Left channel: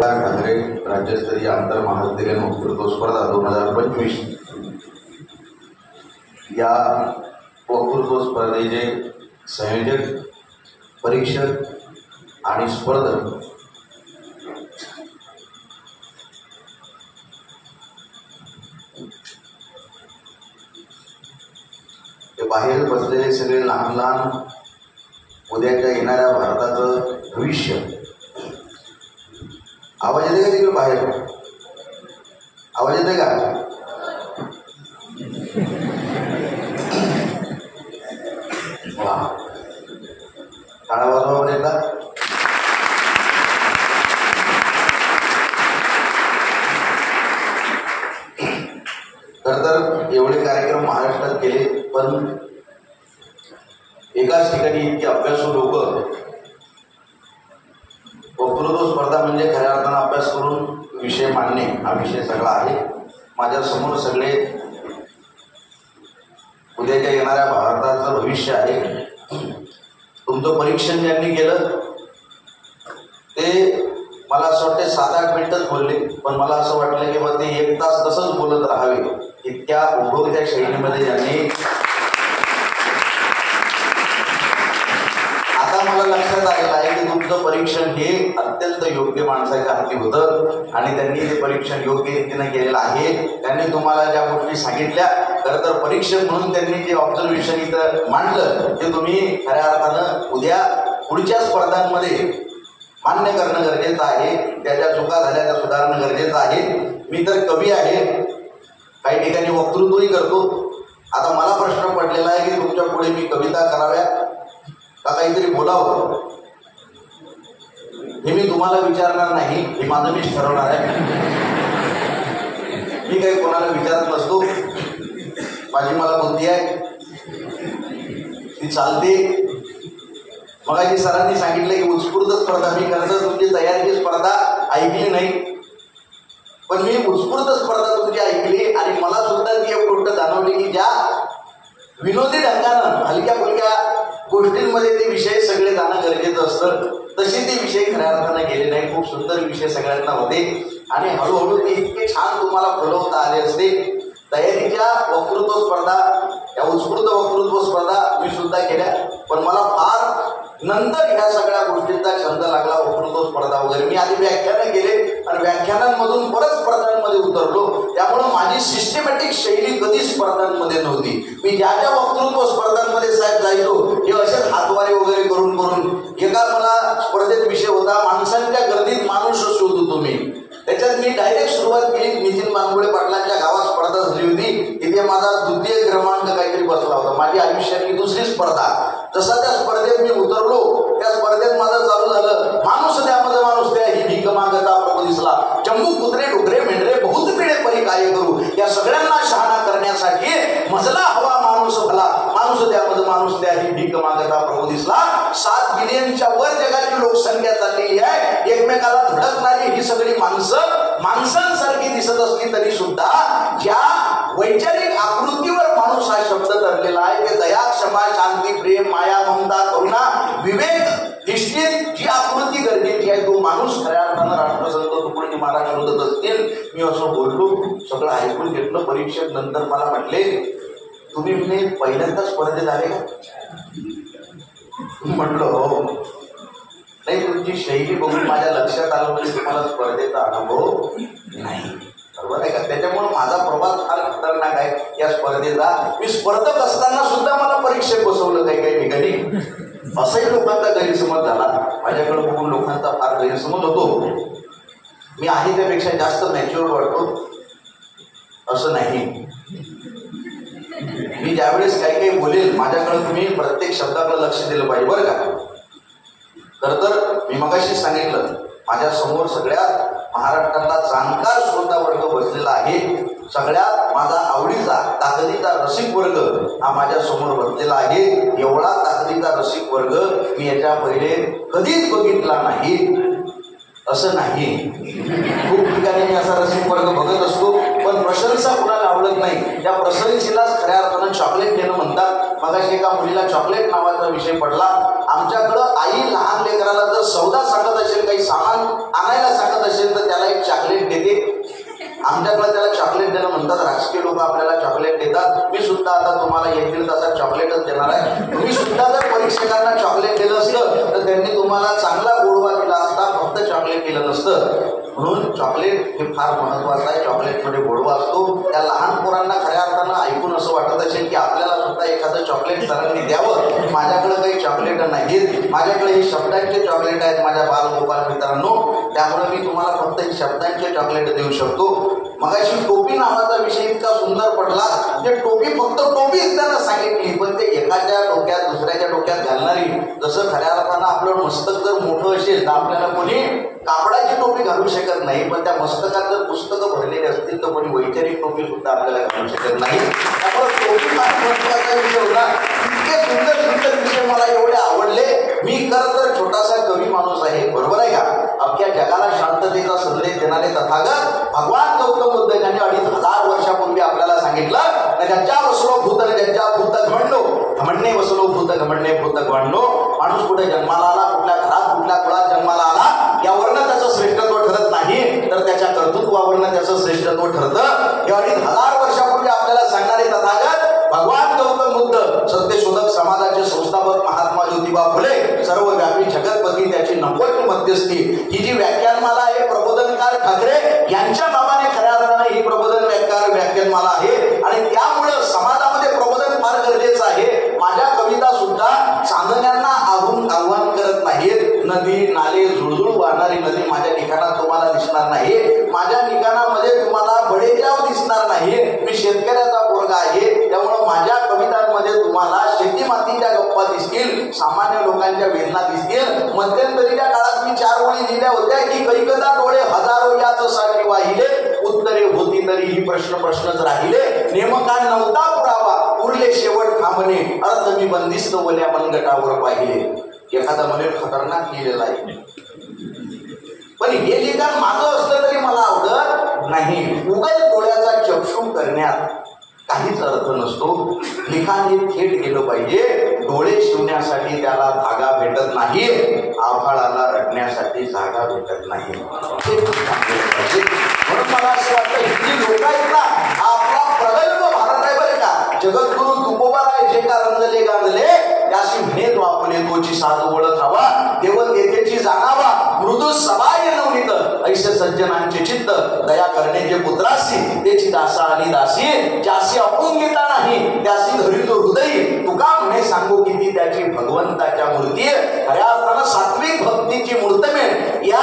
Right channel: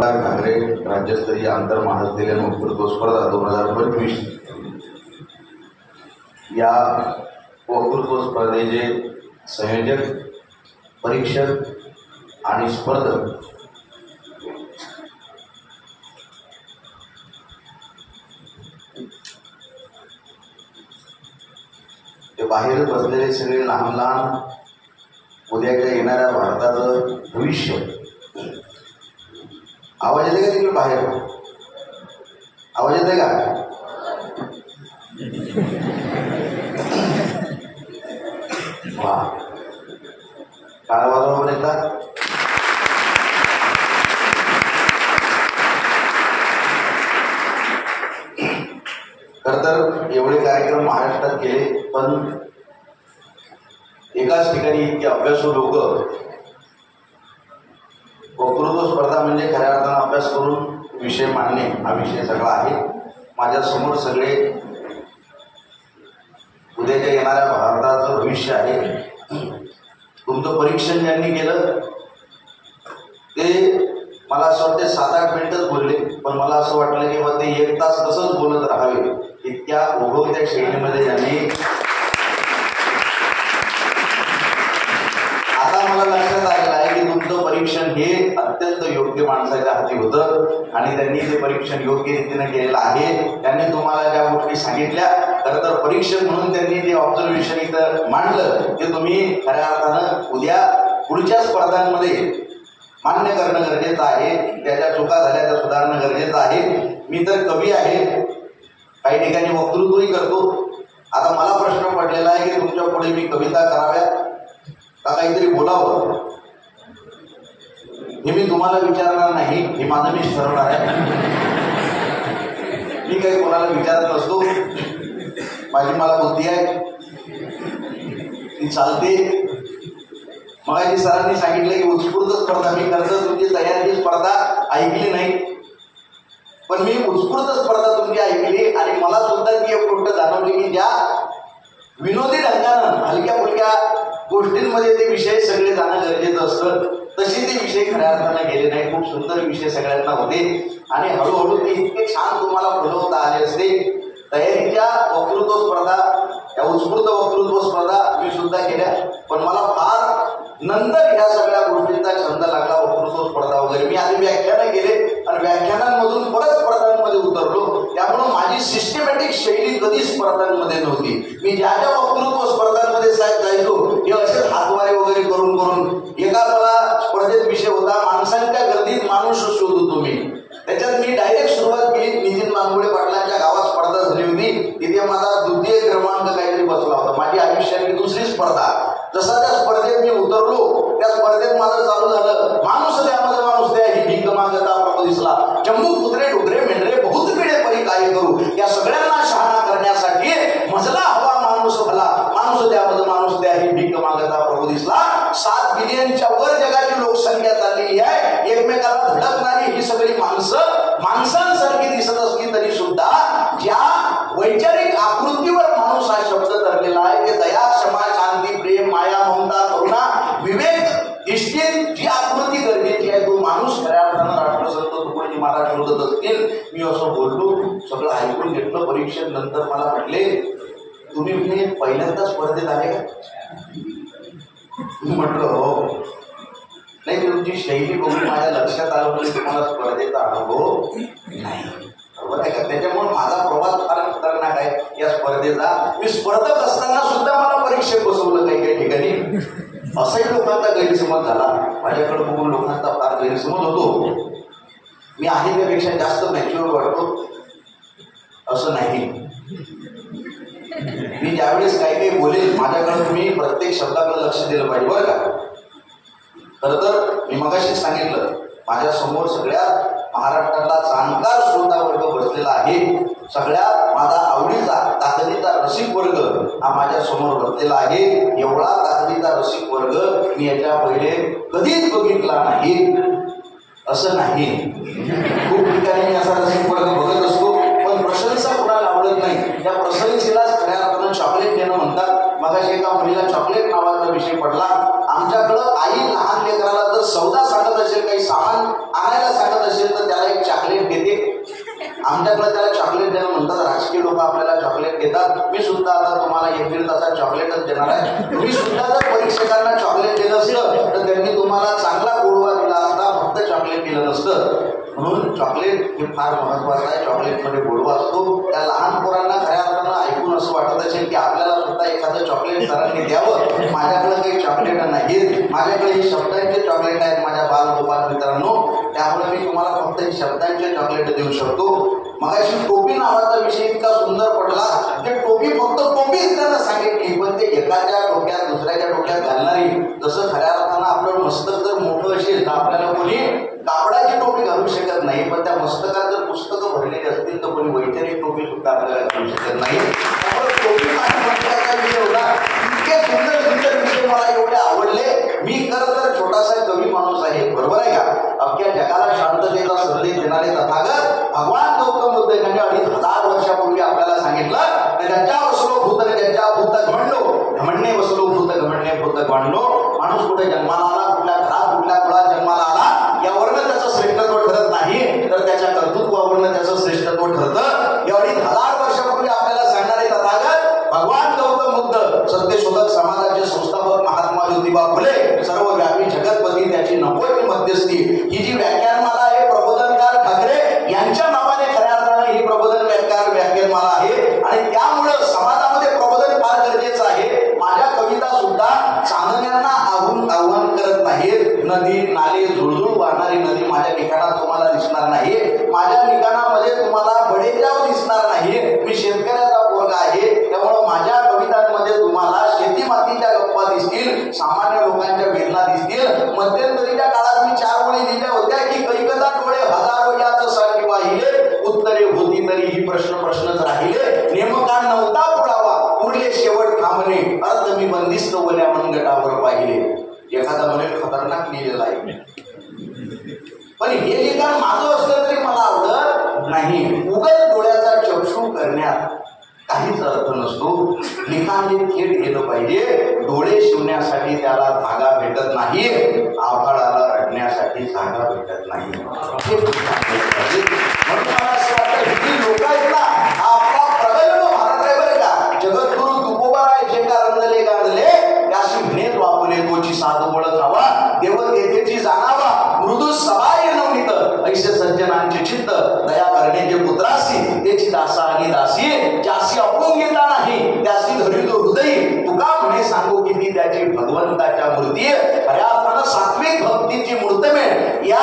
ठाकरे राज्यस्तरीय आंतर महाविद्यालयीन वक्तृत्व स्पर्धा 2025 या वक्तृत्व स्पर्धेचे संयोजक, परीक्षक आणि स्पर्धक ते बाहेर बसलेले सगळे लहान लहान उद्याच्या येणाऱ्या भारताचं भविष्य. आवाज येते का तिकडे बाहेर? आवाज येते का? वा, टाळा वाजवा बरं एकदा. खरं तर एवढे कार्यक्रम महाराष्ट्रात केले, पण एकाच ठिकाणी इतके अभ्यासू लोक. वक्तृत्व स्पर्धा म्हणजे खऱ्या अर्थानं अभ्यास करून विषय मांडणे हा विषय सगळा आहे. माझ्या समोर सगळे उद्याच्या येणाऱ्या भारताचं भविष्य आहे. तुमचं परीक्षण ज्यांनी केलं ते मला असं वाटतं 7-8 मिनिटच बोलले, पण मला असं वाटलं की मग ते 1 तास तसंच बोलत राहावे. इतक्या उभवत्या शैलीमध्ये यांनी. आता मला लक्षात आलेलं आहे की तुमचं परीक्षण हे अत्यंत योग्य माणसाच्या हाती होतं आणि त्यांनी ते परीक्षण योग्य रीतीने केलेलं आहे. त्यांनी तुम्हाला ज्या गोष्टी सांगितल्या, खरं तर परीक्षण म्हणून त्यांनी जे ऑब्झर्वेशन इथं मांडलं ते तुम्ही खऱ्या अर्थानं उद्या पुढच्या स्पर्धांमध्ये मान्य करणं गरजेचं आहे. त्याच्या चुका झाल्या त्या सुधारणं गरजेचं आहे. मी तर कवी आहे, काही ठिकाणी वक्तृत्वही करतो. आता मला प्रश्न पडलेला आहे की तुमच्या पुढे मी कविता कराव्या का काहीतरी बोलावं, हे मी तुम्हाला विचारणार नाही. हे माझं मीच ठरवणार आहे. मी काही कोणाला विचारत नसतो. माझी मला बुद्धी आहे, ती चालते. मगाशी सरांनी सांगितलं की उत्स्फूर्त स्पर्धा. मी खरं तर तुमची तयारीची स्पर्धा ऐकली नाही, पण मी उत्स्फूर्त स्पर्धा तुमची ऐकली आणि मला सुद्धा ती एक गोष्ट जाणवली की ज्या विनोदी ढंगानं हलक्या फुलक्या गोष्टींमध्ये ते विषय सगळे जाणं गरजेचं असतं, तसे ते विषय खऱ्या अर्थाने गेले नाही. खूप सुंदर विषय सगळ्यांना होते आणि हळूहळू ते इतके छान तुम्हाला फुलवता आले असते. तयारीच्या वक्तृत्व स्पर्धा, त्या उत्स्फूर्त वक्तृत्व स्पर्धा मी सुद्धा केल्या, पण मला फार नंतर ह्या सगळ्या गोष्टींचा छंद लागला. वक्तृत्व स्पर्धा वगैरे मी आधी व्याख्यानं केले आणि व्याख्यानांमधून परत स्पर्धांमध्ये उतरलो. त्यामुळं माझी सिस्टमॅटिक शैली कधीच स्पर्धांमध्ये नव्हती. मी ज्या ज्या वक्तृत्व स्पर्धांमध्ये साहेब जायचो हे असेच हातवारे वगैरे करून एका मला स्पर्धेत विषय होता माणसांच्या गर्दीत माणूस शोधू तुम्ही. त्याच्यात मी डायरेक्ट सुरुवात केली. नितीन लांबुळे पाटलांच्या गावात स्पर्धा झाली होती, तिथे माझा 2य क्रमांक काहीतरी बसला होता. माझी आयुष्यातली 2री स्पर्धा. जसा त्या स्पर्धेत मी उतरलो, त्या स्पर्धेत माझं चालू झालं माणूस द्या मज माणूस द्या ही भीक मागता प्रभू दिसला. चंबू कुत्रे डुकरे मेंढरे बहुत पिढे परी काय करू. या सगळ्यांना शहाणा करण्यासाठी मजला हवा माणूस भला. माणूस द्या मज माणूस द्या ही भीक मागता प्रभू दिसला. 7 बिलियनच्या वर जगाची लोकसंख्या चाललेली आहे. एकमेकाला धडकणारी ही सगळी माणसं माणसांसारखी दिसत असली तरी सुद्धा ज्या वैचारिक आकृतीवर माणूस हा शब्द धरलेला आहे ते दया, क्षमा, शांती, प्रेम, माया, ममता, करुणा, विवेक, निष्ठेत जी आकृती गरजेची आहे तो माणूस खऱ्या अर्थानं राष्ट्रसंत तुकडोजी महाराज शोधत असतील. मी असं बोललो, सगळं ऐकून घेतलं. परीक्षेत नंतर मला म्हटले तुम्ही पहिल्यांदा स्पर्धेत आहे का? मी म्हटलं हो. नाही, तुमची शैली बघून माझ्या लक्षात आलं म्हणजे तुम्हाला स्पर्धेचा अनुभव नाही. बरोबर आहे का? त्याच्यामुळे माझा प्रवास फार खतरनाक आहे या स्पर्धेचा. मी स्पर्धक असताना सुद्धा मला परीक्षेत बसवलं काही ठिकाणी. असाही लोकांचा गैरसमज झाला. माझ्याकडे बघून लोकांचा फार गैरसमज होतो. मी आहे त्यापेक्षा जास्त मॅच्युअर वाटतो असं नाही. मी ज्यावेळेस काही काही बोलेल माझ्याकडे तुम्ही प्रत्येक शब्दाकडे लक्ष दिलं पाहिजे बरं का. तर मी मगाशी सांगितलं माझ्या समोर सगळ्यात महाराष्ट्रातला जाणकार श्रोता वर्ग बसलेला आहे. सगळ्यात माझा आवडीचा ताकदीचा रसिक वर्ग हा माझ्या समोर बसलेला बसलेला आहे. एवढा ताकदीचा रसिक वर्ग मी याच्या पहिले कधीच बघितला नाही. असं नाही, खूप ठिकाणी मी असा रसिक वर्ग बघत असतो, पण प्रशंसा कुणाला आवडत नाही. त्या प्रशंसेलाच खऱ्या अर्थानं चॉकलेट देणं म्हणतात. मगाशी एका मुलीला चॉकलेट नावाचा विषय पडला. आमच्याकडं आई लहान लेकराला जर सौदा सांगत असेल, काही सामान आणायला सांगत असेल, तर त्याला एक चॉकलेट देते. आमच्याकडे त्याला चॉकलेट देणं म्हणतात. राजकीय लोक आपल्याला चॉकलेट देतात. मी सुद्धा आता तुम्हाला 1-1.5 तासात चॉकलेटच देणार आहे. तुम्ही सुद्धा जर परीक्षकांना चॉकलेट दिलं असतं तर त्यांनी तुम्हाला चांगला गोडवा दिला असता, फक्त चॉकलेट दिलं नसतं. म्हणून चॉकलेट हे फार महत्वाचं आहे. चॉकलेटमध्ये गोडवा असतो. त्या लहान पोरांना खऱ्या अर्थानं ऐकून असं वाटत असेल की आपल्याला सुद्धा एखादं चॉकलेट सरांनी द्यावं. माझ्याकडे काही चॉकलेट नाहीत, माझ्याकडे हे शब्दांचे चॉकलेट आहेत माझ्या बालगोपाल मित्रांनो. त्यामुळे मी तुम्हाला फक्त शब्दांचे चॉकलेट देऊ शकतो. मगाशी टोपी नावाचा विषय इतका सुंदर पडला. ते टोपी फक्त टोपीच त्याला सांगितली, पण ते एकाच्या डोक्यात दुसऱ्याच्या डोक्यात घालणारी. जसं खऱ्या अर्थानं आपलं मस्तक जर मोठं असेल तर आपल्याला कोणी कापडाची टोपी घालू शकत नाही, पण त्या मस्तकात जर पुस्तकं भरलेली असतील तर कोणी वैचारिक टोपी सुद्धा आपल्याला घालू शकत नाही. त्यामुळे टोपी महत्वाचा विषय होता. इतके सुंदर सुंदर विषय मला एवढे आवडले. मी खरं तर छोटासा कवी माणूस आहे, बरोबर आहे का? अख्ख्या जगाला शांततेचा संदेश देणारे तथागत भगवान गौतम बुद्ध यांनी 2500 वर्षापूर्वी आपल्याला सांगितलं, ज्याच्या वसलो भूत ज्याच्या भूत घमंडो घमंडे वसलो भूत घमंडे भूत घमंडो. माणूस कुठे जन्माला आला, कुठल्या घरात कुठल्या कुळात जन्माला आला, यावरनं त्याचं श्रेष्ठत्व ठरत नाही, तर त्याच्या कर्तृत्वावरनं त्याचं श्रेष्ठत्व ठरतं. 2500 वर्षापूर्वी आपल्याला सांगणारे तथागत भगवान गौतम बुद्ध, सत्यशोधक समाजाचे संस्थापक महात्मा ज्योतिबा फुले, सर्वव्यापी जगतपती, त्याची नकोच मध्यस्थी. ही जी व्याख्यानमाला आहे प्रबोधनकार ठाकरे यांच्या नावाने खऱ्या अर्थाने ही प्रबोधन व्याख्यानमाला आहे. आणि त्यामुळे समाजामध्ये प्रबोधन फार गरजेचं आहे. माझ्या कविता सुद्धा चांदण्यांना आव्हान करत नाहीत. नदी नाले झुळझुळ वाहणारी नदी माझ्या ठिकाणात तुम्हाला दिसणार नाही. माझ्या ठिकाणामध्ये तुम्हाला बडेजाव दिसणार नाही. मी शेतकऱ्याचा पोरगा आहे, त्यामुळे माझ्या कवितांमध्ये तुम्हाला शेती मातीच्या गप्पा दिसतील, सामान्य लोकांच्या वेदना दिसतील. मध्यंतरीच्या काळात मी 4 ओळी लिहिल्या होत्या की कैकता डोळे हजारो याच साठी वाहिले, उत्तरे होती तरी ही प्रश्नच राहिले, नेमका नव्हता पुरावा उरले शेवट थांबणे, अर्थ मी बंदिस्त वल्या मनगटावर पाहिले. एखादा म्हणे खतरनाक लिहिलेला आहे, पण हे लिखाण माझं असलं तरी मला आवडत नाही. उगाच डोळ्याचा चक्षु करण्यात काहीच अर्थ नसतो. लिखाण हे थेट गेलं पाहिजे. डोळे शिवण्यासाठी त्याला धागा भेटत नाही, आभाळाला रडण्यासाठी जागा भेटत नाही. लोक आहेत ना, आपला प्रगल्भ भारत आहे बरं का. जगद्गुरु तुकोबाराय जे का रंगले गांधले, त्याशी म्हणेत वापरले तोची साध ओळखावा, देवल येथेची जाणावा, मृदू सवाय नवनीत ऐसे सज्जनांचे चित्त, दया करण्याचे पुत्रासी त्याची दासा आणि दासी, ज्यासी अपोंगिता नाही त्यासी धरिलो हृदय, तुका म्हणे सांगू किती त्याची भगवंताच्या मूर्ती. खऱ्या अर्थानं सात्विक भक्तीची मूर्तमेढ या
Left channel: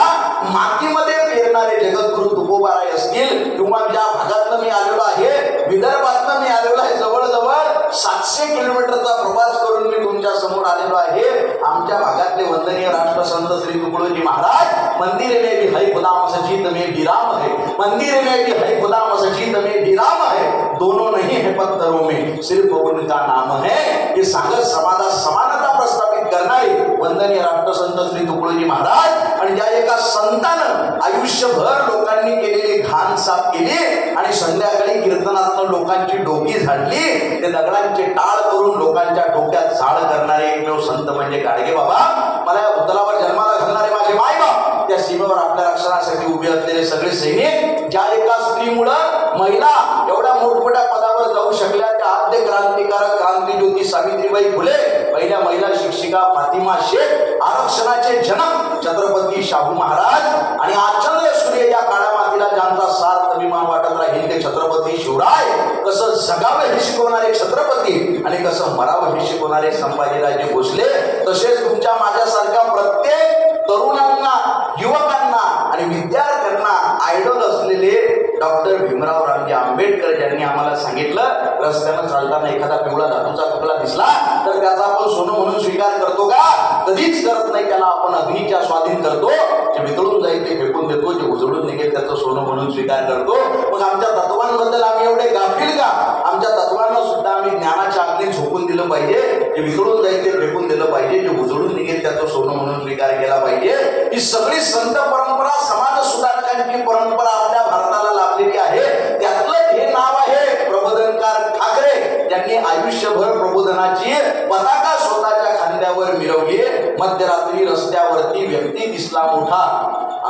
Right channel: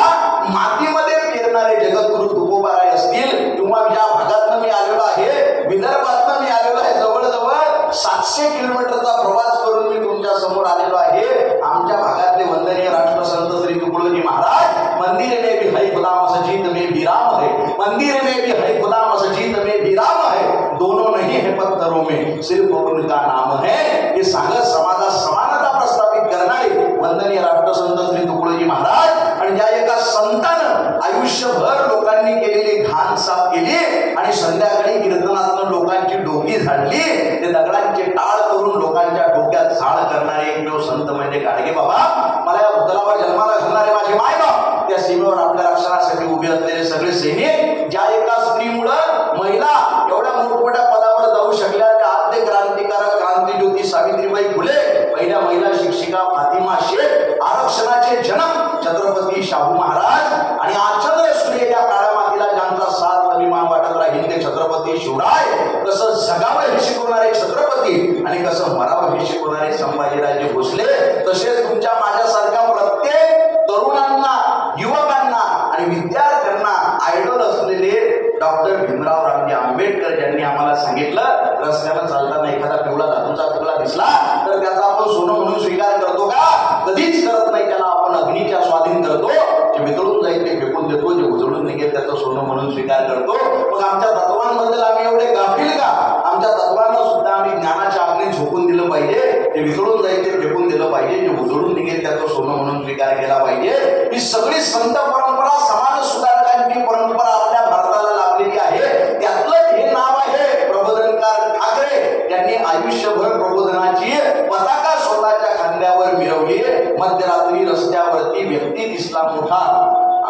मातीमध्ये पेरणारे जगद्गुरु तुकोबाराय असतील, किंवा ज्या भागातनं मी आलेलो आहे, विदर्भातनं मी आलेलो आहे, जवळजवळ 700 किलोमीटरचा प्रवास करून मी तुमच्या समोर आलेलो आहे. आमच्या भागातले वंदनीय राष्ट्रसंत श्री तुकडोजी महाराज, मंदिर में भी है खुदा मस्जिद में भी राम है, मंदिर में भी है खुदा मस्जिद में भी राम है, दोनों नहीं है पत्थरों में सिर्फ उनका नाम है. हे सांगत समाजात समानता प्रस्थापित करणारे वंदनीय राष्ट्रसंत श्री तुकडोजी महाराज, आणि ज्या एका संतानं आयुष्यभर लोकांनी केलेली घाण साफ केली आणि संध्याकाळी कीर्तनातून लोकांची डोकी झाडली, ते दगडांचे टाळ करून लोकांच्या डोक्यात झाड करणारे एकमेव संत म्हणजे गाडगे बाबा. मला या भूतलावर जन्माला घालणारे माझे मायबाप, त्या सीमेवर आपल्या रक्षणासाठी उभे असलेले सगळे सैनिक, ज्या एका स्त्रीमुळं महिला एवढ्या मोठमोठ्या पदावर जाऊ शकल्या, त्या आद्य क्रांतिकारक क्रांतिज्योती सावित्रीबाई फुले, पहिल्या महिला शिक्षिका फातिमा शेख, आरक्षणाचे जनक छत्रपती शाहू महाराज, आणि आचर्य सूर्य या काळ्या मातीला ज्यांचा साथ अभिमान वाटत राहील ते छत्रपती शिवराय. कसं जगावं हे शिकवणारे छत्रपती आणि कसं मरावं हे शिकवणारे संभाजीराजे भोसले, तसेच तुमच्या माझ्यासारख्या प्रत्येक तरुणांना, युवकांना आणि विद्यार्थ्यांना आयडॉल असलेले डॉक्टर भीमराव रामजी आंबेडकर, ज्यांनी आम्हाला सांगितलं रस्त्यावर चालताना एखादा पिवळा धातूचा तुकडा दिसला तर त्याचा आपण सोनं म्हणून स्वीकार करतो का? कधीच करत नाही. त्याला आपण अग्नीच्या स्वाधीन करतो. जे वितळून जाईल ते फेकून देतो, जे उजळून निघेल त्याचं सोनं म्हणून स्वीकार करतो. मग आमच्या तत्वांबद्दल आम्ही एवढे गाफील का? आमच्या तत्वांना सुद्धा आम्ही ज्ञानाच्या अग्नीत झोकून दिलं पाहिजे. जे विसरून जाईल ते फेकून दिलं पाहिजे, जे उजळून निघेल त्याचं सोनं म्हणून स्वीकार केला पाहिजे. ही सगळी संत परंपरा, समाज सुधारकांची परंपरा आपल्या भारताला लाभलेली आहे. त्यातलं हे नाव आहे प्रबोधनकार ठाकरे. त्यांनी आयुष्यभर प्रबोधनाची पताका स्वतःच्या खांद्यावर मिरवली. मध्यरात्री रस्त्यावरती व्यक्ती दिसला मोठा,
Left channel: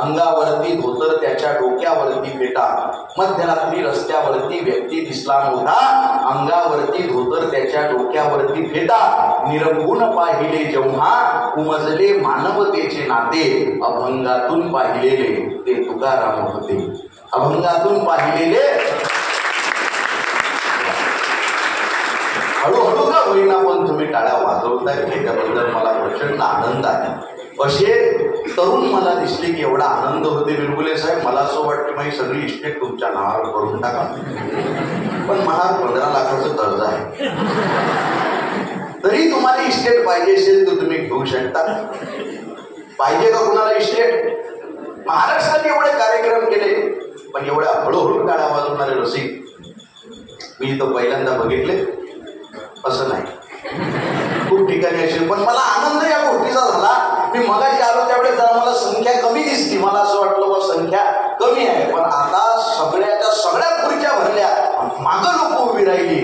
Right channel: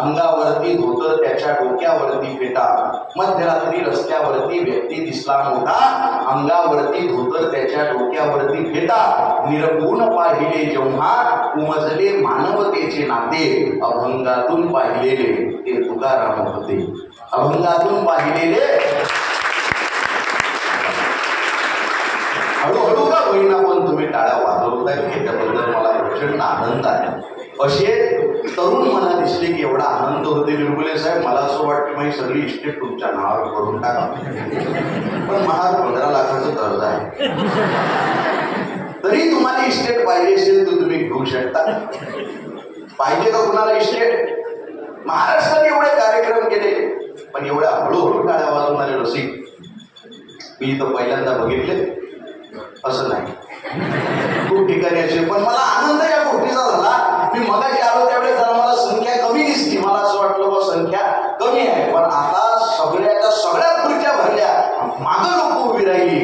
अंगावरती धोतर त्याच्या डोक्यावरती फेटा. मध्यरात्री रस्त्यावरती व्यक्ती दिसला मोठा, अंगावरती धोतर त्याच्या डोक्यावरती फेटा. निरंगुण पाहिले जेव्हा उमजले मानवतेचे नाते, अभंगातून पाहिलेले ते तुकाराम होते. अभंगातून पाहिलेले हळूहळू का होईना पण तुम्ही टाळ्या वाजवताय, त्याबद्दल मला प्रचंड आनंद आहे. असे तरुण मला दिसले की एवढा आनंद होते. बिरगुले साहेब, मला असं वाटतं मी सगळी इस्टेट तुमच्या नावावर करून टाका, पण मला 15 लाखाचं कर्ज आहे. तरी तुम्हाला इस्टेट पाहिजे असेल तर तुम्ही घेऊ शकता. पाहिजे का कुणाला इस्टेट? महाराष्ट्रात एवढे कार्यक्रम केले, पण एवढ्या हळूहळू टाळ्या वाजवणारे रसिक मी इथं पहिल्यांदा बघितले. असं नाही, खूप ठिकाणी असे. पण मला आनंद या गोष्टीचा झाला. मी मगाशी आलो त्यावेळेस जरा मला संख्या कमी दिसली. मला असं वाटलं बा संख्या कमी आहे, पण आता सगळ्याच्या सगळ्या खुर्च्या भरल्या, मागं लोक उभी राहिली.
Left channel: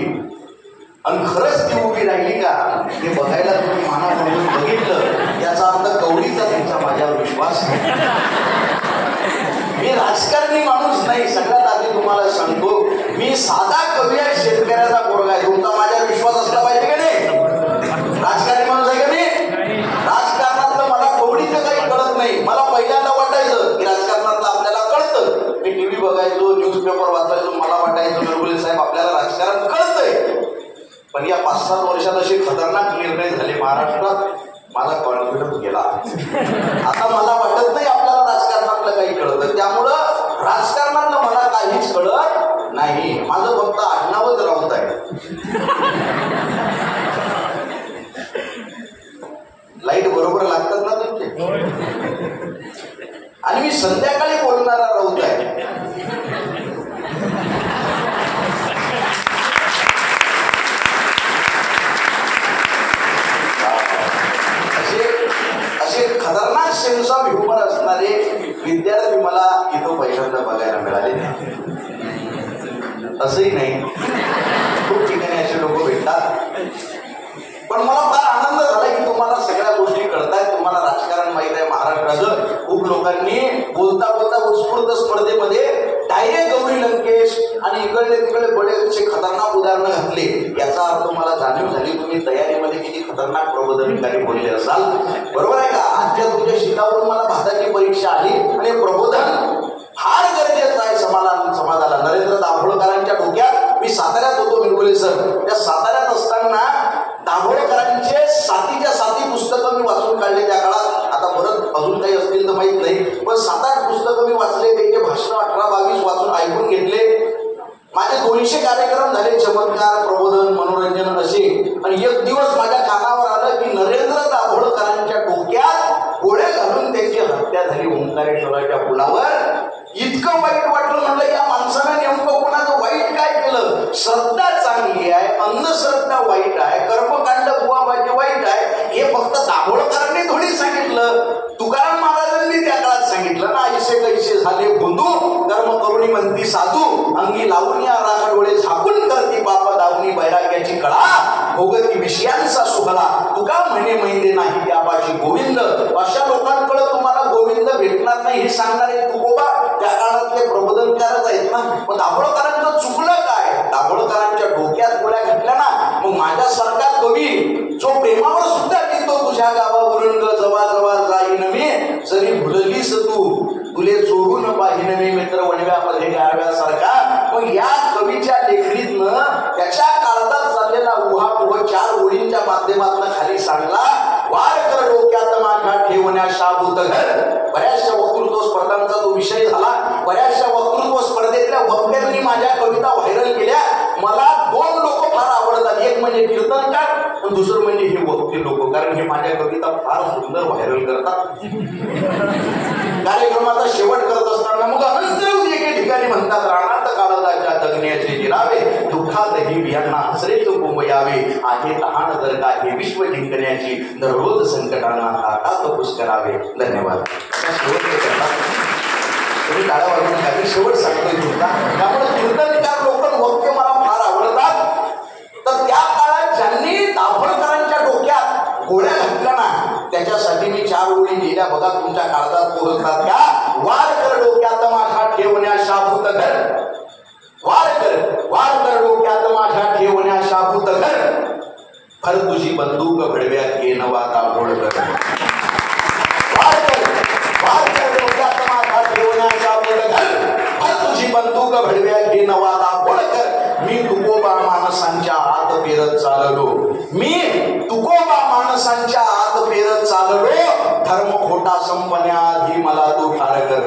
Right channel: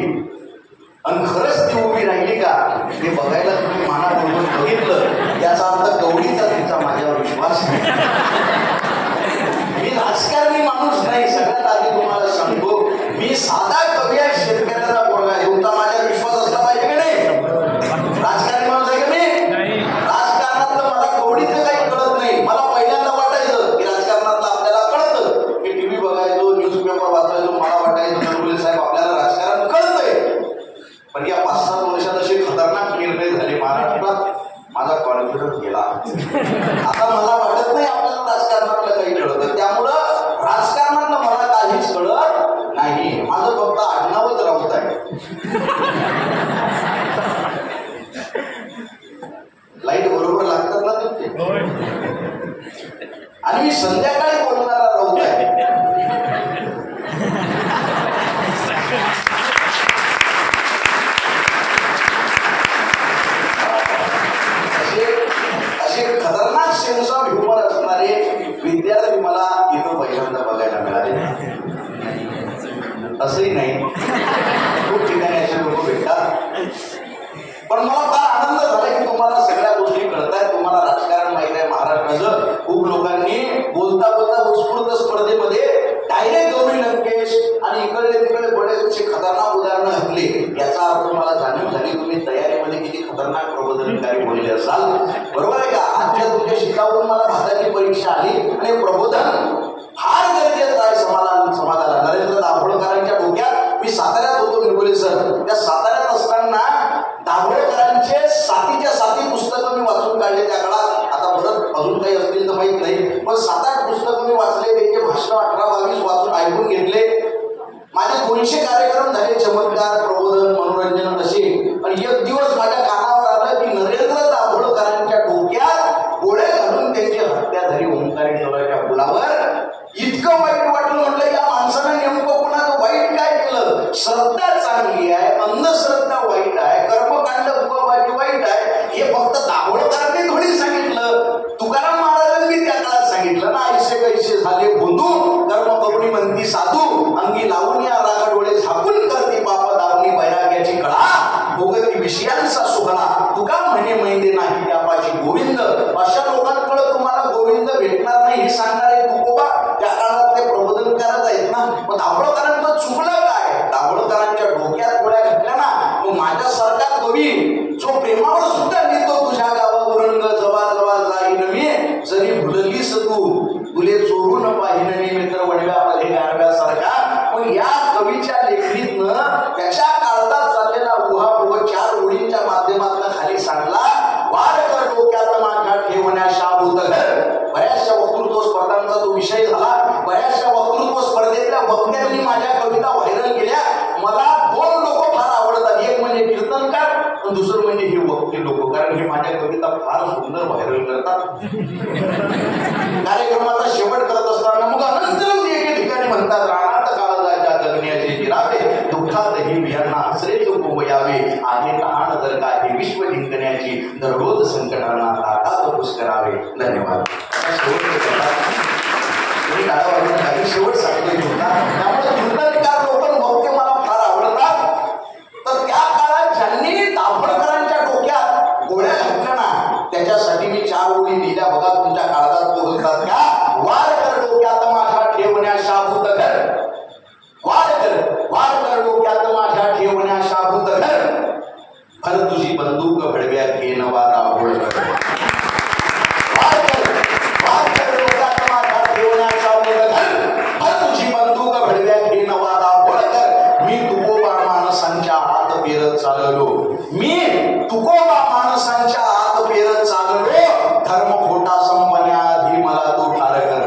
आणि खरंच ती उभी राहिली का हे बघायला तुम्ही माना म्हणून बघितलं, याचा अर्थ कवडीचा त्यांचा माझ्यावर विश्वास नाही. मी राजकारणी माणूस नाही. सगळ्यात आधी तुम्हाला सांगतो, मी साधा कवी आहे, शेतकऱ्याचा पोरगा आहे. तुमचा माझ्यावर विश्वास असला पाहिजे की नाही? राजकारणी माणूस आहे की नाही? राजकारणातलं मला कवडीचं काही कळत नाही. मला पहिल्यांदा वाटायचं की राजकारणातलं आपल्याला कळतं. मी टीव्ही बघायचो, न्यूजपेपर वाचायचो, मला वाटायचं बिरगुले साहेब आपल्याला राजकारण कळतंय. पण या 5-7 वर्षात असे खतरनाक निर्णय झाले महाराष्ट्रात, माझा कॉन्फिडन्स गेला. आता मला वाटत नाही आपल्याला राजकारणातलं काही कळतं. त्यामुळं राजकारणातलं मला काहीच कळत नाही. माझं फक्त आडनावच राऊत आहे. लाईट बरोबर लागतात ना तुमचे? आणि मी संध्याकाळी बोलणारा राऊत आहे. खतरनाक सेन्स ऑफ ह्युमर असणारे विद्यार्थी मला इथं पहिल्यांदा बघायला मिळाले. असंही नाही, खूप ठिकाणी असे लोक भेटतात. पण मला फार आनंद झाला की तुम्हाला सगळ्या गोष्टी कळतायत, तुम्हाला राजकारण माहित आहे महाराष्ट्राचं. खूप लोकांनी बोलता बोलता उत्स्फूर्त स्पर्धेमध्ये डायरेक्ट गौरी लंकेश आणि इकडे तिकडे बरेचसे खतरनाक उदाहरणं घातले. याचा अर्थ मला जाणीव झाली तुम्ही तयारीमध्ये किती खतरनाक प्रबोधनकारी बोलले असाल. बरोबर आहे का? आजच्या तुमच्या शिकावून मला भारताची परीक्षा आली आणि प्रबोधन फार गरजेचं आहे समाजाला. नरेंद्र दाभोळकरांच्या डोक्यात, मी साताऱ्यात होतो बिरगुले सर, त्या साताऱ्यात असताना दाभोळकरांचे 7च्या 7 पुस्तकं मी वाचून काढले त्या काळात. आता परत अजून काही असतील तर माहित नाही, पण 7-8 पुस्तकं मी वाचले. त्यांचे भाषण 18-22 वाचून ऐकून घेतले. माझे 200 कार्यक्रम झाले, चमत्कार, प्रबोधन, मनोरंजन असे. आणि एक दिवस माझ्या कानावर आलं की नरेंद्र दाभोळकरांच्या डोक्यात गोळे घालून त्यांची हत्या झाली ओंकारेश्वराच्या पुलावर. इतकं वाईट वाटलं. म्हटलं या माणसानं नेमकं कोणाचं वाईट काय केलं? श्रद्धा चांगली आहे, अंधश्रद्धा वाईट आहे, कर्मकांड बुवाबाजी वाईट आहे, हे फक्त दाभोळकरांनी थोडी सांगितलं. तुकाराम महाराजांनी त्या काळात सांगितलं ना, ऐसे कैसे झाले बोंधू, कर्म करुणी म्हणती साधू, अंगी लावून या राग डोळे झाकून करती बाप दावणी बैराग्याची कळा, भोगती विषयांचा सोहळा, तुका म्हणे महिने नाही त्यापाशी गोविंद. अशा लोकांकडे तुम्हाला गोविंद भेटणार नाही हे सांगणारे तुकोबा त्या काळातले प्रबोधनकारच आहेत ना. मग दाभोळकरांचं चुकलं काय? दाभोळकरांच्या डोक्यात गोळ्या घातल्या ना. मग माझ्यासारखा कवी जो प्रेमावर सुद्धा लिहितो, तुझ्या गावावरून जवा जवा जाई नवी, जरी भुललीस तू तुले चोरून पाहिन नाही मित्र वणव्यामध्ये गारव्यासारखा. मग या कवीच्या लेखणीतनं त्याच्या काळात चाललेला उहापोह 4 ओळींच्या माध्यमातून खाली सांगला. वार कर डोक्यात माझ्या ठेवण्या शाबूत घर. बऱ्याचशा वक्तृत्व स्पर्धांचा तो विषय झाला. बऱ्याचशा वक्तृत्व स्पर्धेतल्या वक्त्यांनी माझ्या कविता व्हायरल केल्या. मला 2 लोक फार आवडतात, एक म्हणजे कीर्तनकार आणि दुसरं म्हणजे हे वक्ते लोक, कारण हे माझ्या कविता फार सुंदर व्हायरल करतात. कार्यक्रमाचा शेवट करत असताना मग अनंत एके ठिकाणी म्हणतात, रानात काळजाच्या दगण्याचे गिरावे, दुःखातही बियांना आश्रयच कोंब यावे, आहे तहान जर का देवी विश्व जिंकण्याची दररोज संकटांना हातात पुष्करावे. धन्यवाद. तुम्ही काही शेवट सांगतोय तुमचा. त्यामुळे कीर्तनकार लोक वाक्य मला फार आवडतात. तर त्या काळात ज्यांनी दाभोळकरांच्या डोक्यात गोळ्या घातल्या ना, त्याच्यासाठी मी 4 ओळी लिहिल्या बघा, तुमच्या काळजात पोहोचतात का. वार कर डोक्यात माझ्या ठेवण्या शाबूत घर, वार कर डोक्यात माझ्या ठेवण्या शाबूत घर, भर तुझी बंदूक घडव्यात घे नवा दाभोळ कर. वार कर डोक्यात माझ्या ठेवण्या शाबूत घर, भर तुझी बंदूक घडव्यात घे नवा दाभोळ कर. मी तुकोबा माणसांच्या आत पेरत चाललो, मी तुकोबा माणसांच्या आत पेरत चाललो, धर्म खोटा संपण्याआधी मला तू ठार कर.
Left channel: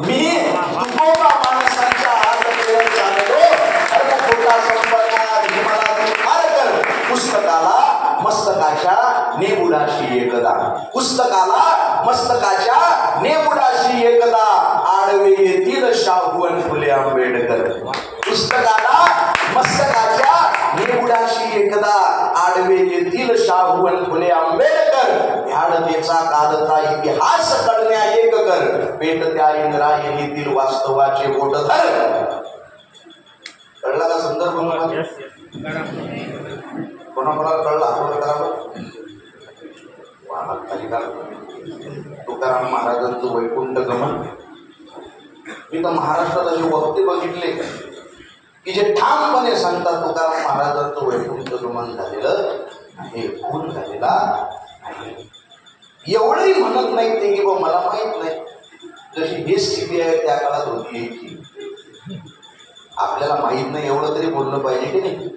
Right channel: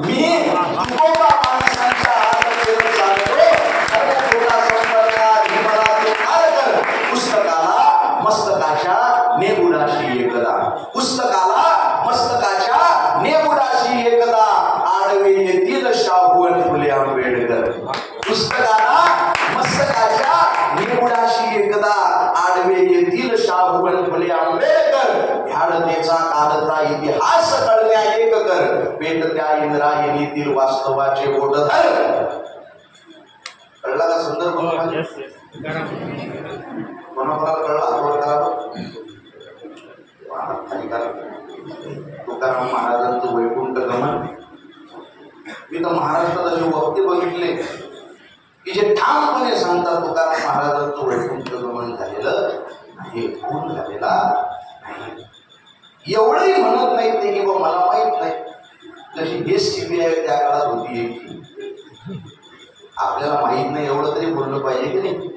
मी तुकोबा माणसांच्या आत पेरत चाललो, धर्म खोटा संपण्याआधी मला तू ठार कर. पुस्तकाला मस्तकाच्या नेबुडाशी एकदा, पुस्तकाला मस्तकाच्या नेबुडाशी एकदा, आडवे येतील शाहू आणि फुले आंबेडकर. पुस्तकाला मस्तकाच्या नेबुडाशी एकदा, आडवे येतील शाहू आणि फुले आंबेडकर. ह्याडतेचा कालचा इतिहास कळण्या एक कर, पेट त्या इंद्रायणीतील वास्तवाचे बोट धर. कळला का संदर्भ? कोणाकोणाला कळला? हातवर करावं. तुकाराम महाराजांचं वैकुंठ गमन. मी तर महाराष्ट्रात असे वक्ते बघितले की जे ठामपणे सांगतात तुकाराम महाराजांचं वैकुंठ गमन झालेलं नाही, खून झालेला नाही. एवढंही म्हणत नाहीत ते की बा मला माहित नाही. जशी हे सीबीआय त्या काळात होती याची, आपल्याला माहित नाही एवढं तरी बोललं पाहिजे की नाही.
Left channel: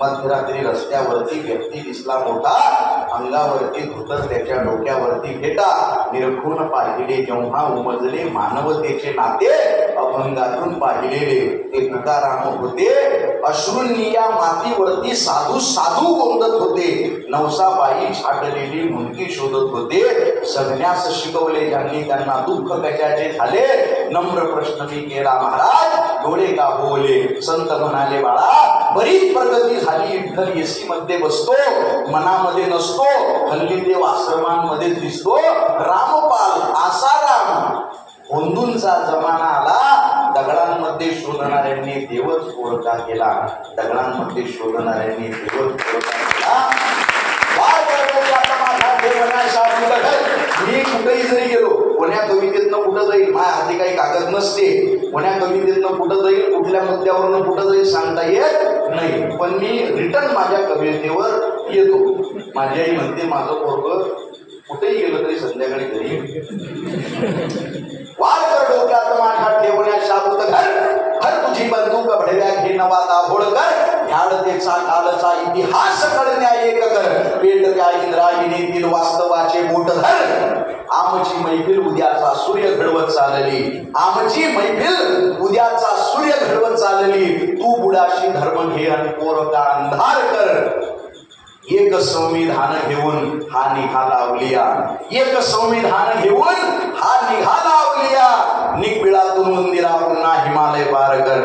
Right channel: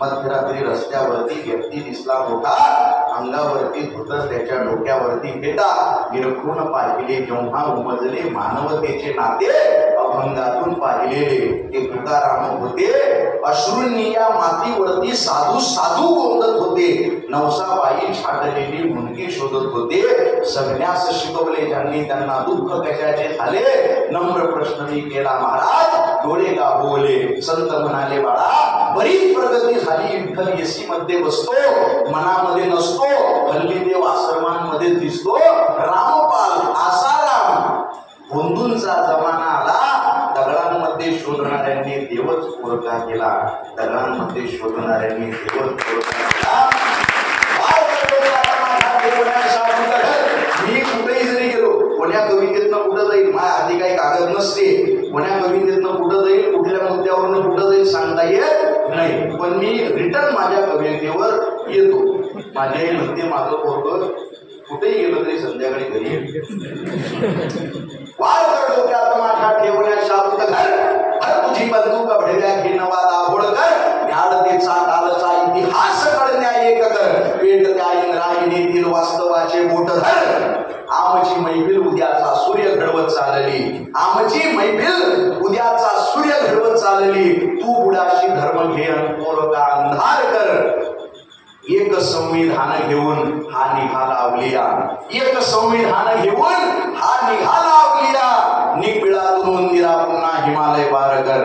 मध्यरात्री रस्त्यावरती व्यक्ती दिसला मोठा, अंगावरती धोतर त्याच्या डोक्यावरती फेटा, निरखून पाहिले जेव्हा उमजले मानवतेचे नाते, अभंगातून पाहिलेले ते तुकाराम होते. अश्रूंनी या मातीवरती साधू साधू गोंधत होते, नवसाबाई छाटलेली मुलगी शोधत होते. जगण्यास शिकवले ज्यांनी त्यांना दुःख कशाचे झाले, नम्र प्रश्न मी केला महाराज, डोळे का बोले. संत म्हणाले बाळा बरीच प्रगती झाली, विठ्ठल एसी मध्ये बसतो, मनामध्ये नसतो, हल्ली देव आश्रमांमध्ये दिसतो. रामपाल आसाराम भोंदूंचा जमाना आला, दगडांमध्ये शोधणाऱ्यांनी देवच पोरका केला, दगडांमध्ये शोधणाऱ्यांनी देवच पोरका केला. मी कुठेही जरी गेलो, कोण्या कवितेतनं कुठं जाईल, माझ्या हाती काही कागद नसते, कोण्या कवितेतनं कुठं जाईल, कुठल्या मुद्द्यावरनं कुठं जाईल सांगता येत नाही, पण मी रिटर्न माझ्या कवितेवर येतो. माझी आई म्हणते माझं पोरगं कुठेही गेलं तरी संध्याकाळी घरी वार कर डोक्यात माझ्या ठेवण्या शाबूत घर, हर तुझी बंदूक भडव्या घे नवा दाभोळ कर. ह्याडतेचा कालचा इतिहास कळण्या एक कर, पेट त्या इंद्रायणीतील वास्तवाचे बोट धर. आमची मैफिल उद्याचा सूर्य घडवत चालली, आमची मैफिल उद्याचा सूर्य घडवत चालली. तू बुडाशी धर्म घे आणि पोरका अंधार कर. एक संविधान घेऊन हा निघाला आवलिया, एक संविधान घेऊन हा निघाला आवलिया. निबिळातून मंदिरा पुन्हा हिमालय पार कर.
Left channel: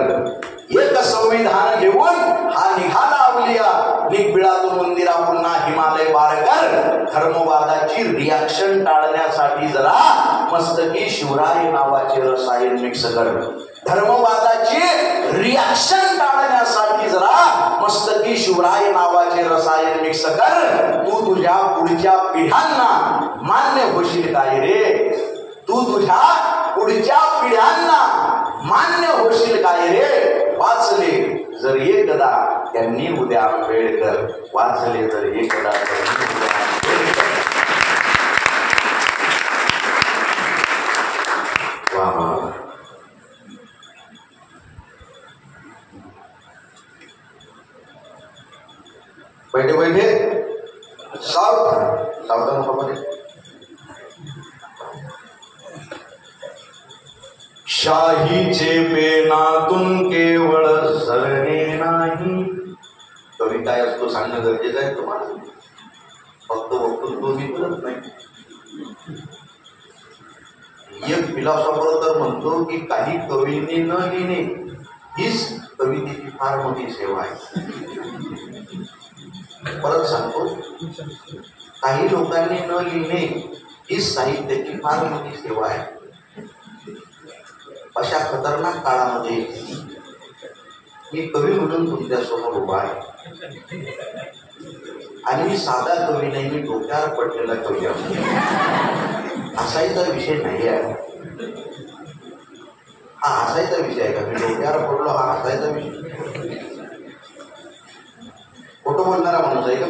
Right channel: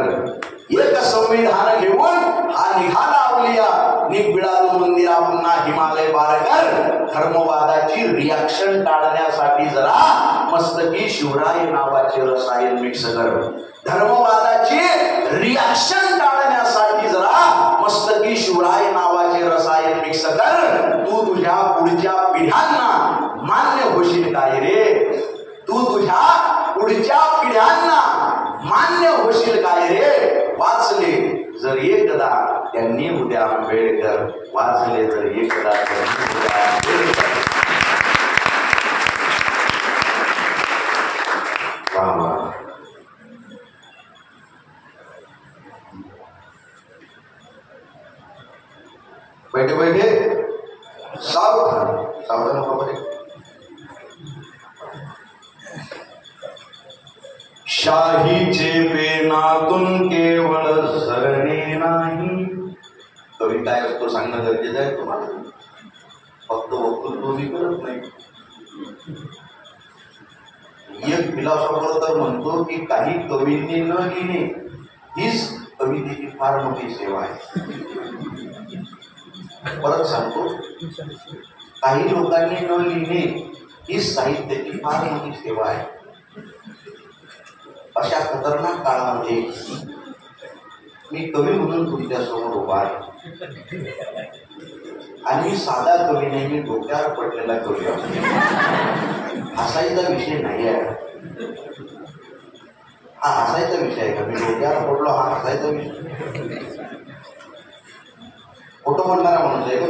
एक संविधान घेऊन हा निघाला आवलिया, निबिळातून मंदिरा पुन्हा हिमालय पार कर. धर्मवादाची रिॲक्शन टाळण्यासाठी जरा मस्तकी शिवराय नावाचे रसायन मिक्स कर. धर्मवादाची रिॲक्शन टाळण्यासाठी जरा मस्तकी शिवराय नावाचे रसायन मिक्स कर. तू तुझ्या पुढच्या पिढ्यांना मान्य होशील काय रे, तू तुझ्या पुढच्या पिढ्यांना मान्य होशील काय रे. वाचले जर एकदा त्यांनी उद्या आंबेडकर, वाचले जर एकदा त्यांनी उद्या आंबेडकर. बैठे बैठे सावधान सावधान पकडे. शाहीचे पेनातून केवळ झरणे नाही. कविता असतो सांगणं गरजेचं आहे तुम्हाला, फक्त वक्तृत्व मी करत नाही. एक फिलॉसॉफर तर म्हणतो की काही कवींनी न लिहिणे हीच कवितेची फार मोठी सेवा आहे. परत सांगतो, काही लोकांनी न लिहिणे ही साहित्याची फार मोठी सेवा आहे. अशा खतरनाक काळामध्ये मी कवी म्हणून तुमच्यासमोर उभा आहे. आणि मी साधा कवी नाही, मी डोक्यावर पडलेला कवी आहे. हसायचा विषय नाही आहे हा. हसायचा विषय आहे का? मी डोक्यावर पडलो हा हसायचा विषय? खोटं बोलणारा माणूस आहे का?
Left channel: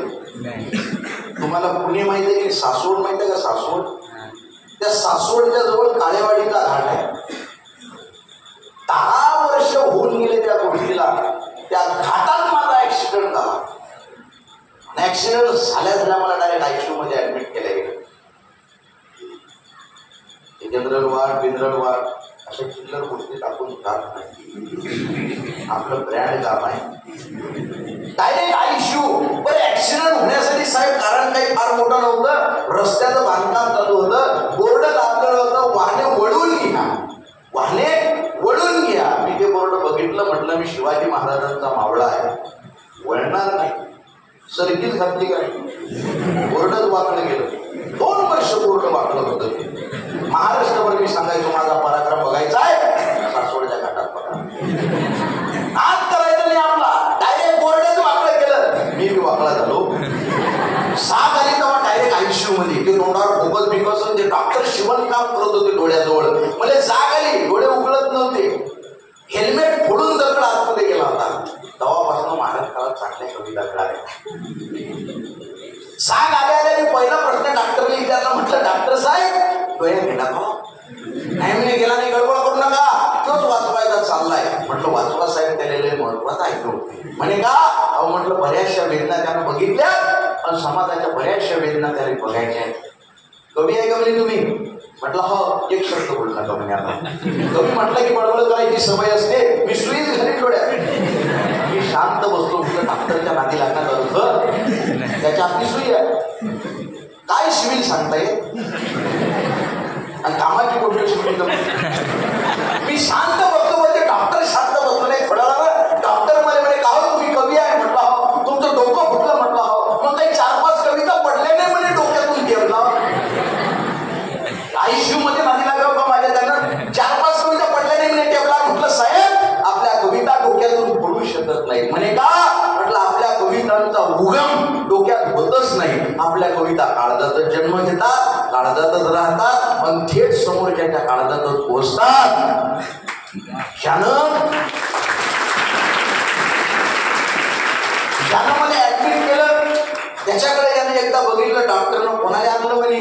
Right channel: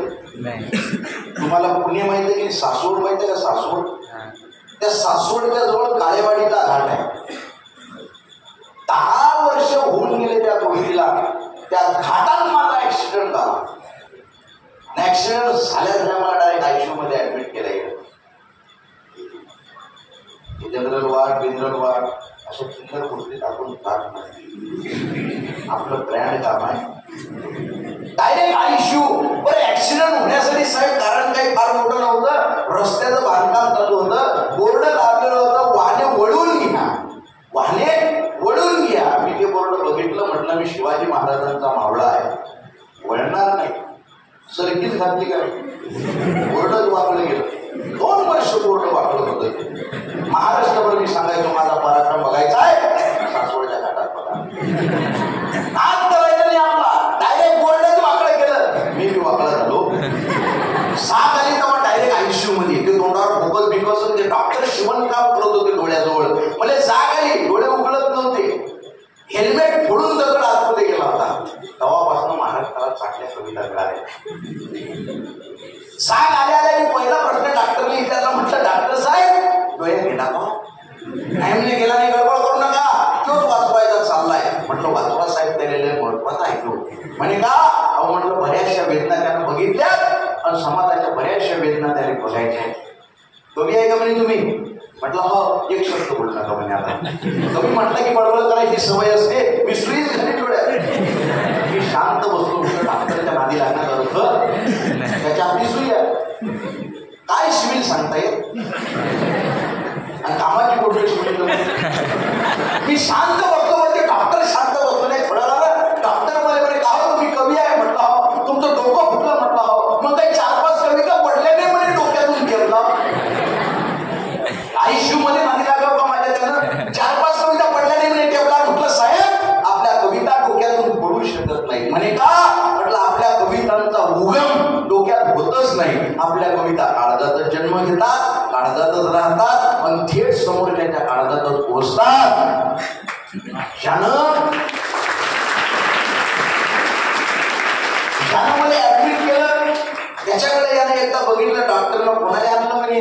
तुम्हाला पुणे माहिती आहे की सासवड माहिती आहे का? सासवड, त्या सासवडच्या जवळ काळेवाडीचा घाट आहे. 10 वर्ष होऊन गेले त्या गोष्टीला. त्या घाटात माझा ऍक्सिडेंट झाला. ऍक्सिडेंट झाल्या मला डायरेक्ट आयसीयू मध्ये ऍडमिट केलं गेलं. जनरल वार्ड, बिनरल वार्ड अशा चिल्लर गोष्टी टाकून जात नाही. आपलं ब्रँड काम आहे. Direct ICU. पण ऍक्सिडेंट होण्यासाठी साहेब कारण काही फार मोठं नव्हतं. रस्त्याचं बांधकाम चालू होतं, बोर्ड लावलेलं होतं, वाहने वळून घ्या, वाहने वळून घ्या. मी ते बोर्ड बघितलं, म्हटलं मी शिवाजी महाराजांचा मावळा आहे, वळणार नाही. सरकीच घातली काय, बोर्डच वाकलं गेलं. 2 वर्ष बोर्ड वाकलं होतं ते. महाराष्ट्रावर मी सांगायचो माझा पराक्रम बघायचा आहे, सासवडच्या घाटात बघा. नाद करायचं नाही आपला. डायरेक्ट बोर्डच वाकलं गेलं. मी वाकला झालो. 6 आली तेव्हा डायरेक्ट आयसीयू मध्ये. ते तोंडावर भोकत बिकसून जे डॉक्टर शिवण काम करत होते डोळ्याजवळ, मला जाग आली, डोळे उघडत नव्हते. हेल्मेट फोडून दगड आतमध्ये गेला होता. तेव्हापासून महाराष्ट्रात चांगल्या कविता मिळाल्या. जाग आल्याला मी पहिला प्रश्न डॉक्टरने विचारला, म्हटलं डॉक्टर साहेब डोळ्या गेला का? नाही म्हणजे गेला नाही, गडबड करू नका, तोच वाचवायचा चाललाय. म्हटलं वाचवा साहेब, त्याला महत्वाचं ऐकलं. म्हणे का? अहो म्हटलं बऱ्याचशा वेदना त्यानं बघितल्या आणि समाजाच्या बऱ्याचशा वेदना त्याने बघायच्या. कवी आहे का म्हणे तुम्ही? म्हटलं हो. एक शब्द बोलू नका म्हणे. आता कवी म्हटलं की बडबड करायची सवय असते. मी सुईच घरी डोळ्यात. मी शांत बसलो. डॉक्टरच्या नादी लागण्यात होतं, त्याच्या आधी सुई आहे. काय शिवील सांगता येत आणि कामाची गोष्ट शिवील. मी शांत बसतो म्हणजे डॉक्टर शांत बसलो नाही. थोडा डॉक्टर म्हणे का हो तुम्ही कवी आहे? म्हटलं तुमचं डोकं फुटलं. म्हटलं मग काही 4-5 कविता पडल्या नाही म्हणे डोक्यातून ठेवला. आयसीयू मध्ये नादी लागलं का माझ्या? त्यानं 4-5 कविता पडल्या नाही म्हणे ठेवला. म्हटलं साहेब आपल्या कविता डोक्यातून पडू शकत नाही. म्हणे का? म्हटलं आपल्या कवितांचा उगम डोक्यात होतच नाही. आपल्या कविता काळजातच जन्म घेतात, काळजातच राहतात, पण थेट समोरच्या काळजातच पोहोचतात. ज्यानं ऍडमिट केलं त्याच्याकडे याने एकदा बघितलं डॉक्टरनं. कोणाला आणलं म्हणे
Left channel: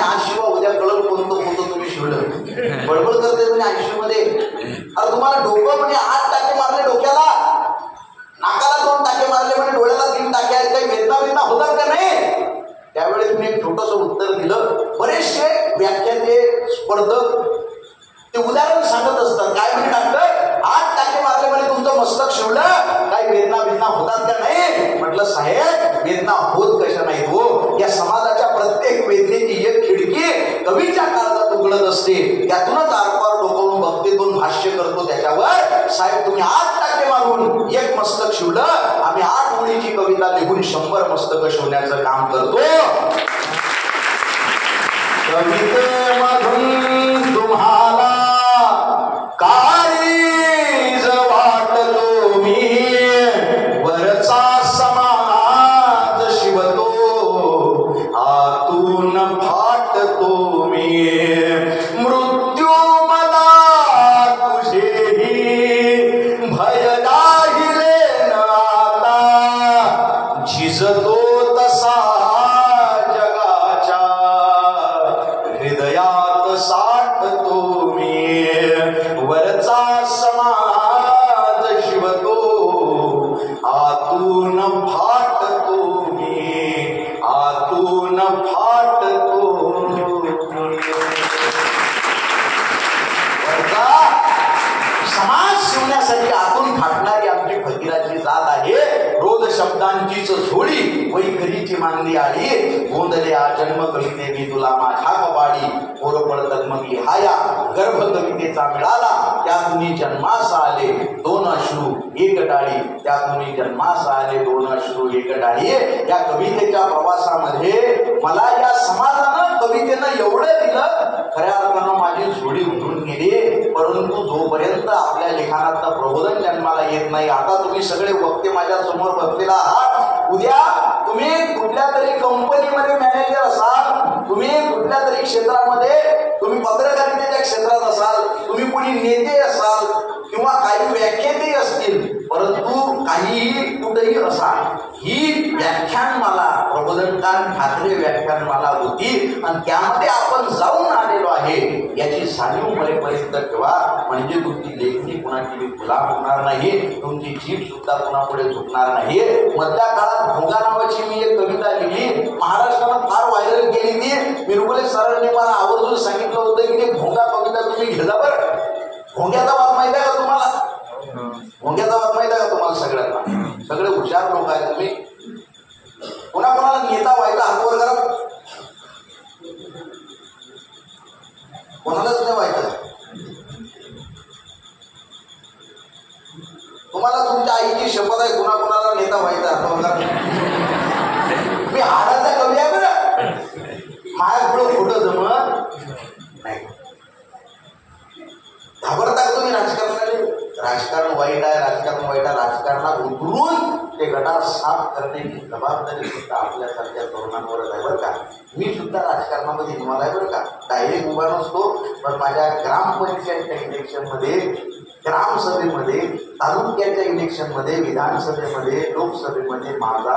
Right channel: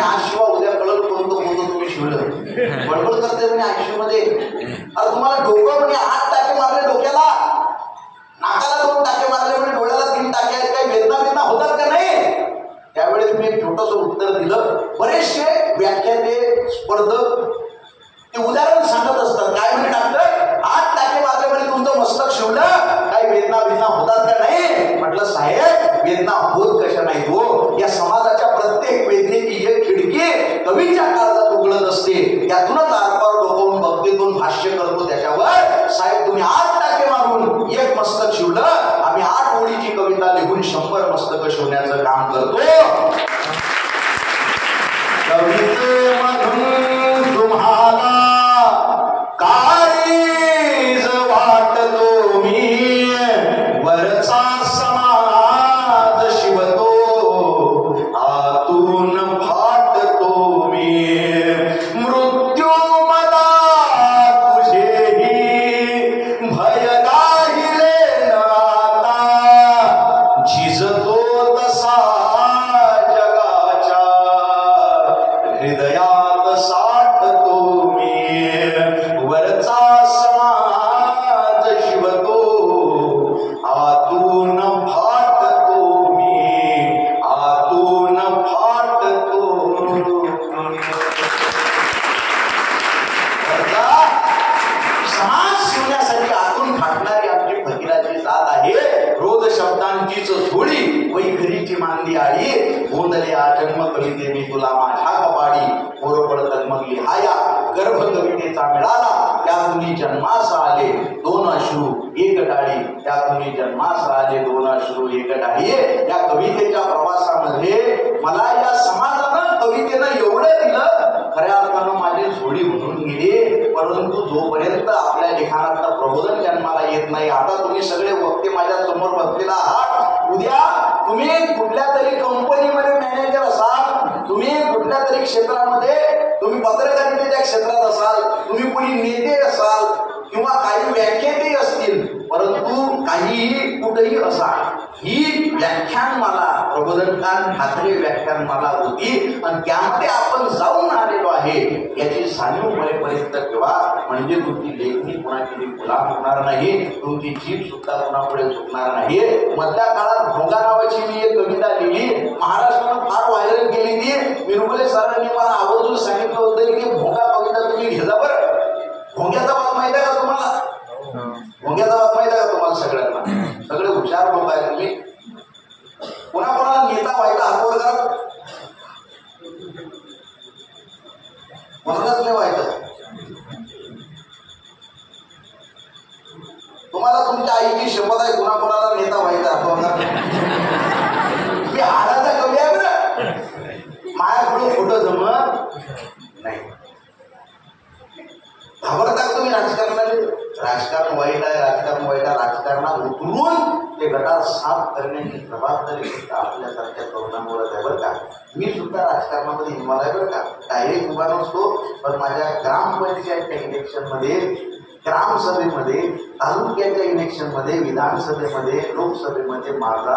आज शिवा उद्या कळत कोणतं होतं तुम्ही शिवलं. गडबड करते म्हणे आयसीयू मध्ये. अरे तुम्हाला डोकं म्हणजे 8 टाके मारले डोक्याला, नाकाला 2 टाके मारले म्हणे, डोळ्याला 3 टाके आहेत. काही वेदना होतात का नाही? त्यावेळेस मी एक छोटस उत्तर दिलं. बरेचसे व्याख्याते स्पर्धक ते उदाहरण सांगत असतात. काय म्हणजे डॉक्टर 8 टाके मारले म्हणे, तुमचं मस्तक शिवलं, काही वेदना होतात का नाही? म्हटलं साहेब वेदना होत कशा नाही हो. या समाजाच्या प्रत्येक वेदनेची एक खिडकी कवीच्या काळजात उघडत असते. त्यातूनच आरपार डोकावून भक्तीतून भाष्य करतो त्याच्यावर. साहेब तुम्ही 8 टाके मारून एक मस्तक शिवलं, आम्ही 8 ओळीची कविता लिहून 100 मस्तक शिवण्याचं काम करतो. कवितेमधून तुम्हाला काळीज वाटतो मी, वरचा समाज शिवतो, आतून फाटतो मी. मृत्यू मला तुझेही भय राहिले नाता, झिजतो तसा जगाच्या हृदयात साठतो मी. वरचा समाज शिवतो, आतून फाटतो मी, आतून फाटतो. समाज शिवण्यासाठी आतून फाटणारी आमची फकीराची जात आहे. रोज शब्दांचीच झोळी वैखरीची मांदी आली. गोंधल्या जन्म कवितेने तुला माझ्या कपाडी, पोरपळ तन्मगी हाया गर्भ कवितेचा मिळाला. त्यातून जन्मास आले दोन अश्रू एक डाळी, त्यातून जन्मास आले दोन अश्रू एक डाळी. या कवितेच्या प्रवासामध्ये मला या समाजानं कवितेनं एवढं दिलं, खऱ्या अर्थानं माझी झोडी उठून गेली. परंतु जोपर्यंत आपल्या लिखाणातलं प्रबोधन जन्माला येत नाही, आता तुम्ही सगळे वक्ते माझ्या समोर बसलेला आहात, उद्या तुम्ही कुठल्या तरी कंपनीमध्ये मॅनेजर असाल, तुम्ही कुठल्या तरी क्षेत्रामध्ये, तुम्ही पत्रकारितेच्या क्षेत्रात असाल, तुम्ही कुणी नेते असाल किंवा काही व्याख्याते असतील, परंतु काहीही कुठेही असा, ही व्याख्यानमाला प्रबोधनकार ठाकरे व्याख्यानमाला होती आणि त्यामध्ये आपण जाऊन आलेलो आहे याची जाणीव मरेपर्यंत ठेवा. म्हणजे तुमची लेखणी कोणाची गुलाम होणार नाही, तुमची जीभ सुद्धा कोणापुढे झुकणार नाही. मधल्या काळात भोंगा नावाची मी एक कविता लिहिली, महाराष्ट्रात फार व्हायरल केली ती. विरगुले सरांनी पण आवर्जून सांगितलं होतं की भोंगा कविता तुम्ही घेता बरं. भोंग्याचा बाब माहिती आहे का तुम्हाला? भोंग्याचा बाब माहिती आहे का तुम्हाला? सगळ्यांना, सगळे हुशार लोक आहेत तुम्ही. कोणाकोणाला नेता व्हायचा हातवर करा, कोणालाच नाही व्हायचं. तुम्हाला तुमच्या आईची शपथ आहे, कोणाकोणाला नेता व्हायचा हातवर करा. मी हाडाचा कवी आहे बरं, माझ्या पुढं कुठं जमत नाही. घाबरता का तुम्ही राजकारणाला? राजकारण वाईट आहे, राजकारण वाईट आहे. राजकारणात उतरून ते गटार साफ करण्याची जबाबदारी फक्त आपल्यासारख्या तरुणांवरच आहे बरं का. मी सुद्धा राजकारणामध्ये इन्व्हॉल्व आहे बरं का. डायरेक्ट उभा नसतो, पण माझ्या ग्रामपंचायतच्या इलेक्शनमध्ये, ग्रामसभेमध्ये, तालुक्याच्या इलेक्शनमध्ये, विधानसभेमध्ये, लोकसभेमध्ये माझा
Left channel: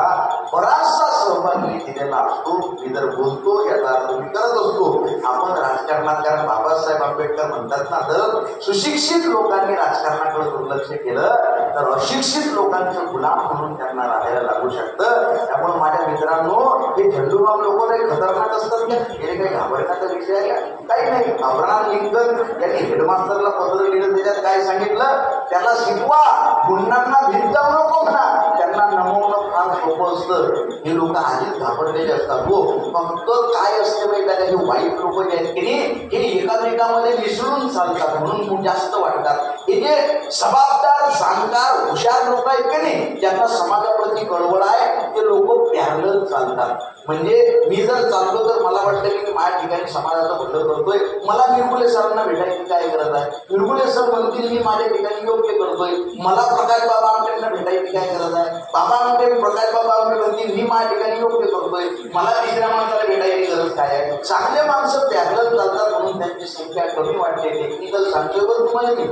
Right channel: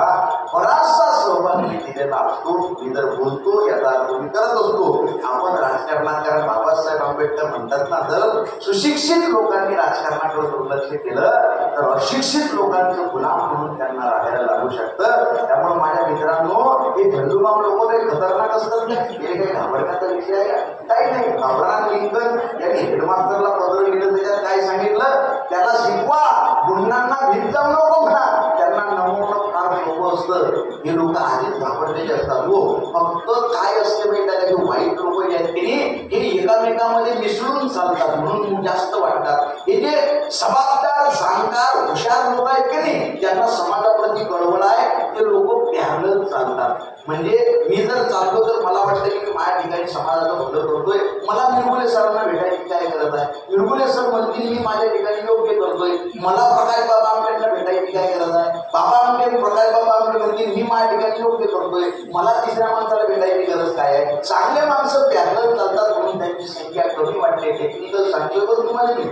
बराचसा सहभाग मी दिलेला असतो. मी जर बोलतो याचा अर्थ मी करत असतो. आपण राजकारणात, कारण बाबासाहेब आंबेडकर म्हणतात ना, जर सुशिक्षित लोकांनी राजकारणाकडे दुर्लक्ष केलं तर अशिक्षित लोकांचं गुलाम म्हणून त्यांना राहायला लागू शकतं. त्यामुळे माझ्या मित्रांनो, हे झंडूबाम लोक लय खतरनाक असतात. हे काही घाबरण्याचा विषय आहे काही नाही. अब्राहम लिंकन यांनी हेडमास्टरला पत्र लिहिलं, त्याच्यात काय सांगितलं? त्याला शिकवा, गुन्ह्यांना भीत जाऊ नको म्हणा. त्यांना नमवणं फार सोपं असतं. हे लोक आधीच घाबरलेले असतात. हो, फक्त काय असते माहिती आहे, हे वाईट लोक जे आहेत की हे एकामेकामध्ये मिसळून चालतात म्हणून जास्त वाटतात. हे जे जबाबदार, जाणकार, हुशार लोक आहेत की नाही, ज्यांना समाजाप्रती कळवळ आहे, ते लोक पॅरलल चालतात. म्हणजे मी जर चाललो तर मला वाटतं की माझ्या ठिकाणी समाजाचं भलं करतोय. मला मिरगुले सरांना भेटायची काय गरज आहे? मिरगुले सर म्हणतील मी माझ्या ठिकाणी योग्य करतोय. मला प्रकाश बाबा आमटेंना भेटायची काय गरज आहे? बाबा आमटे, प्रकाश बाबा आमटे म्हणतील मी माझ्या ठिकाणी योग्य करतोय. मला तिसऱ्या माणसाला भेटायची गरज काय आहे? चांगले माणसं पॅरलल चालतात म्हणून त्यांची संख्या कमी वाटते. टेक्निकल सांगतो तुम्हाला मी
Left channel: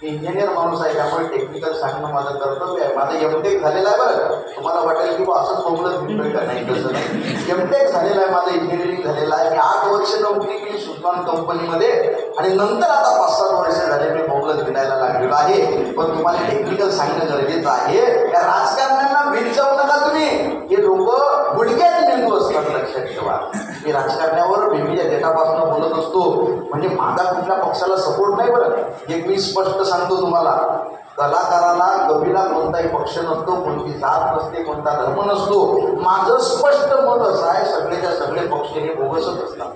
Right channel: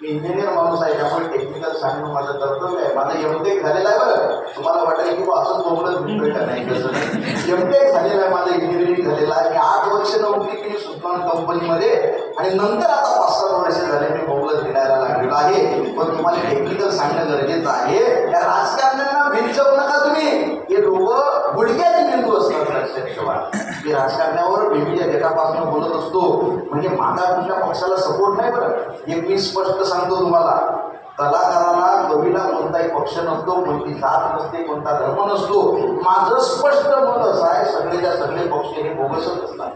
इंजिनियर माणूस आहे, त्यामुळे टेक्निकल सांगणं माझं कर्तव्य आहे. माझं एमटेक झालेलं आहे बरं. तुम्हाला वाटेल की असंच बोललं भेटतोय का नाही, कसं एमटेक झालेलं आहे माझं, इंजिनिअरिंग झालेलं आहे. मी 8 वर्ष नोकरी केली सुजलॉन कंपनीमध्ये आणि नंतर आता 5-7 वर्ष झाले मी बोलत फिरायला लागलेलो आहे. पण तुम्हाला टेक्निकल सांगणं गरजेचं आहे. त्या राजकारण्यांना भीत जाऊ नका तुम्ही. हे लोक गुडघ्यात मेंदू असतात, लक्षात ठेवा. मी राजकारण्यावर बीबीच्या गेटापासून बोलत असतो म्हणजे माझा कुठल्या पक्षाला सपोर्ट नाही बरं. एक मी स्पष्ट सांगतो तुम्हाला, कलाकाराला, कवीला कोणताही पक्ष नसतो, कोणती जात नसते, कोणता धर्म नसतो. माझं स्पष्ट मत असं आहे, सगळेच्या सगळे पक्ष हे बोगसच असतात.